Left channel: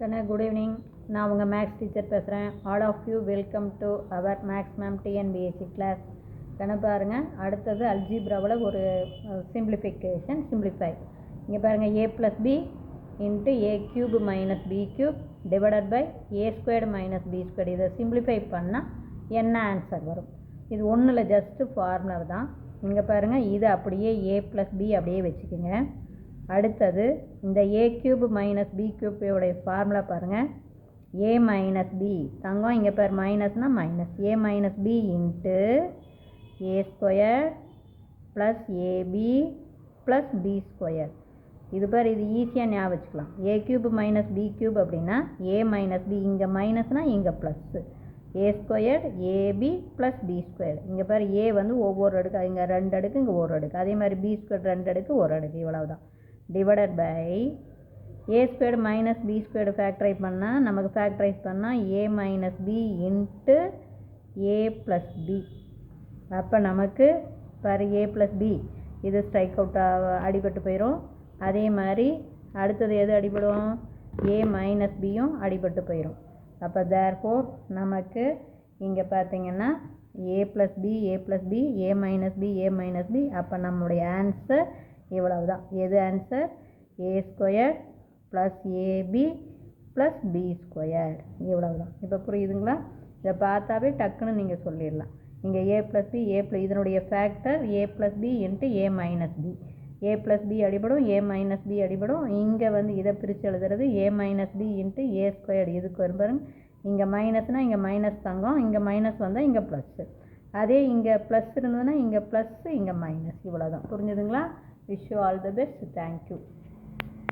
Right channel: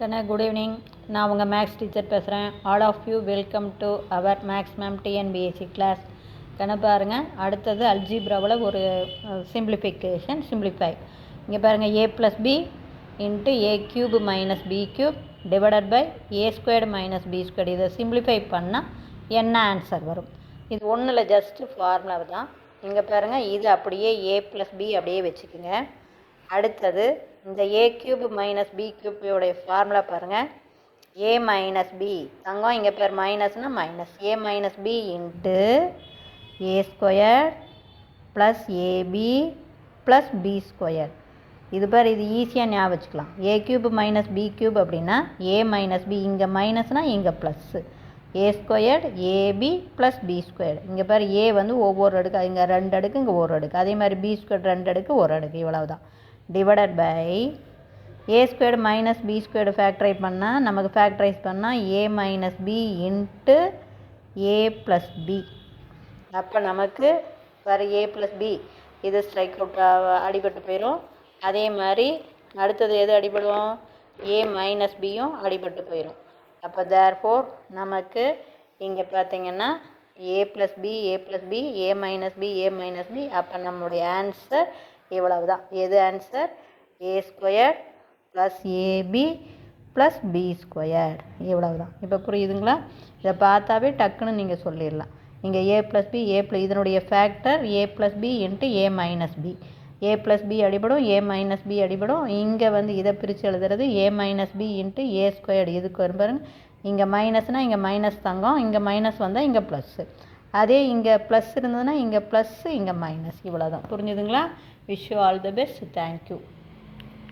கண்ணா good evening. நான் உங்கள் maths teacher பேசுகிறேன். All of you welcome to our maths ma'am TNPSC class. கண்ணா பாருங்கள், அடுத்தது அல்ஜிப்ராவில் ஒரு சிம்பிளிஃபை. இங்கே பாருங்கள், a + b into a³ - b³ divided by a² - b². இதை சிம்பிளிஃபை பண்ணால் என்ன ஆன்சர் வரும்? இது ஒன்றும் இல்லை, ஜஸ்ட்டு ஃபார்முலா தான். இங்கே பாருங்கள், இது அப்படியே a + b அப்படியே வச்சுக்கோங்க. அடுத்தது இந்த a³ - b³ ஃபார்முலா பாருங்கள். a - b தங்கம் இங்கே பேர் மைனஸ்னால் minus a - b into a² plus ab plus b². இது பேர் இது ஈஸியாக ஞாபகம் வச்சுக்கலாம். a³ - b³ அப்படின்னா a - b, இங்கே மைனஸ்னால் இங்கே plus a² ab plus b². இங்கே பேர் a வந்து ஒவ்வொரு அடுக்கு, இங்கே 2 அடுக்கு, இங்கே ஒரு அடுக்கு. அதே மாதிரி b² 2 அடுக்கு, ஒரு அடுக்கு, இவ்வளவுதான். Divided by a² - b² factorise பண்ணால் நமக்கு ஃபேக்டரைஸ் பண்ணால் a - b into a plus b. அப்போ நமக்கு வேறு a ப்ளஸ் b இது ஸ்ட்ரைக் அவுட் அடிபட்டு போயிடும். அதே மாதிரி அடுத்தது எது அடிபடும்? a - bயும் அடிபட்டு போயிடும். அப்போ தேர்ஃபோர் நமக்கு இங்கே பார்த்தீங்கன்னா a plus b a plus b a - b a - b. அப்போ நம்மளுடைய ஆன்சர் இவ்வளவு தான். எது answer? a² plus ab plus b². இவ்வளவு தான். இப்போ புரியுதுங்களா? இதை பார்த்தாவே டக்குன்னு நீங்கள் சொல்லிடலாம். இங்கே a ப்ளஸ் b இதனுடைய factor a plus b into a - b. a plus b அடிபடும், a - b அடிபடும். இங்கே வந்து இதை பிரித்து எழுதுறது a - b இன்ட்டு a². இதுக்கு வரும் பாருங்கள், இங்கே மைனஸ்னால் இங்கே மைனஸ் தங்கம், இங்கே மைனஸ் வந்தால் இங்கே ப்ளஸ்ஸு. அதே இங்கே ப்ளஸ் இருந்ததுன்னா இங்கே ப்ளஸ்ஸு, இங்கே மைனஸ். இவ்வளோ தான். புரிஞ்சுதுங்களா? Wish you all the best. Thank you.